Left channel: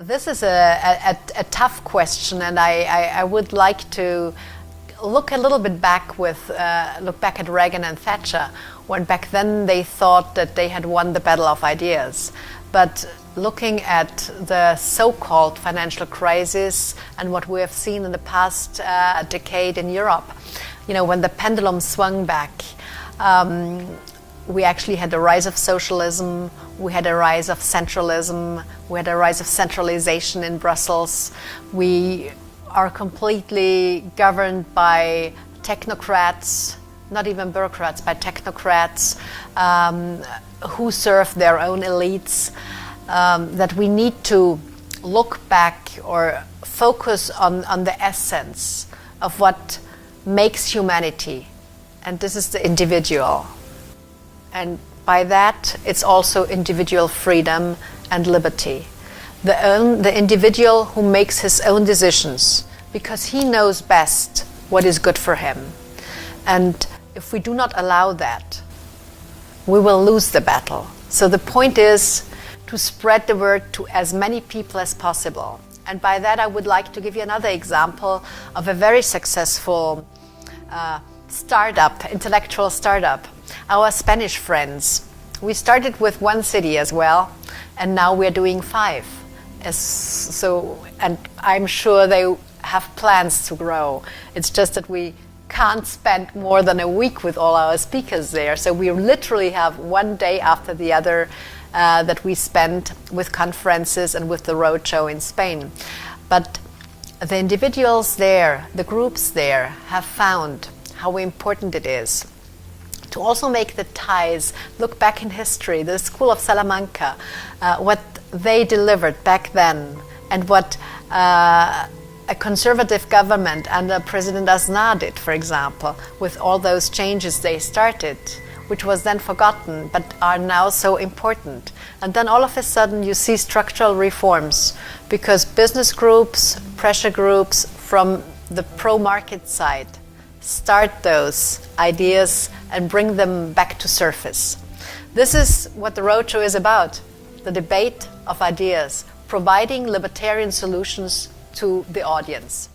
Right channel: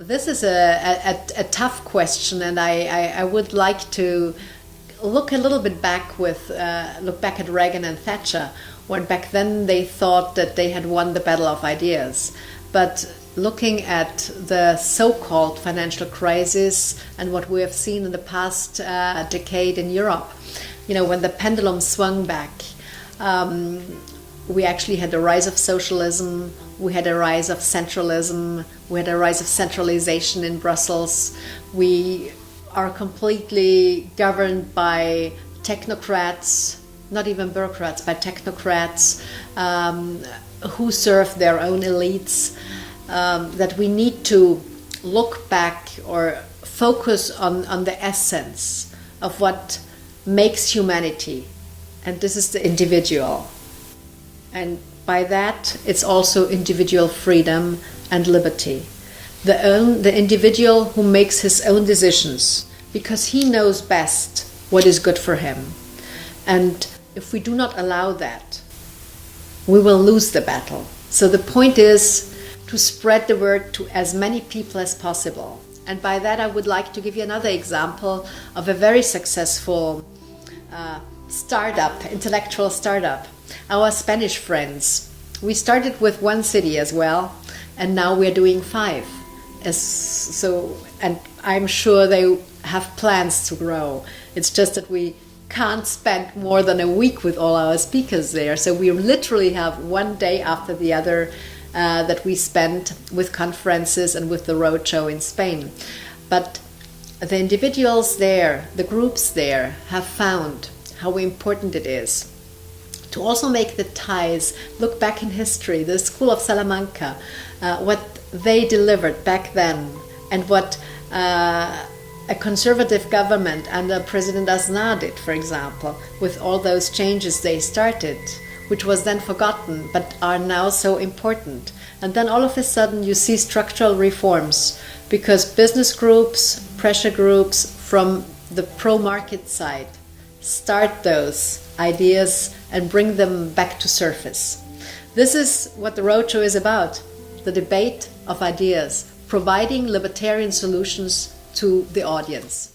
This is a tough question, and I would like to look a little bit back look back at Reagan and Thatcher, when back then they thought that they had won the battle of ideas. But looking at the so-called financial crisis and what we have seen in the past decade in Europe, when the pendulum swung back, we actually had the rise of socialism, we had a rise of centralism, we had a rise of centralization in Brussels. We are completely governed by technocrats, not even bureaucrats, by technocrats who serve their own elites, that we need to look back or focus on the essence of what makes humanity, and this is the individual. And by that, it's also individual freedom and liberty. The individual who makes his own decisions, because he knows best what is good for him. And if we do not allow that, we will lose the battle. So the point is to spread the word to as many people as possible. And by that, I would like to give you another example of a very successful intellectual startup. Our Spanish friends. We started with one city as well, and now we're doing 5. And I'm sure they have plans to grow. It's just that we can't spend more than a week with all our speakers there. So we literally have one day after the other that we spend with conferences and with the roadshow in Spain. But the individuals there, the groups there, have found how important it is to also make the ties, look back in history, the School of Salamanca, what they delivered back then, and what a conservative government under President Aznar did, for example, with all those changes they started, which was then forgotten, but are now so important. And then all of a sudden you see structural reforms, because business groups, pressure groups from the pro-market side start those ideas and bring them back to surface. This is what the roadshow is about, the debate of ideas, providing libertarian solutions to the audience.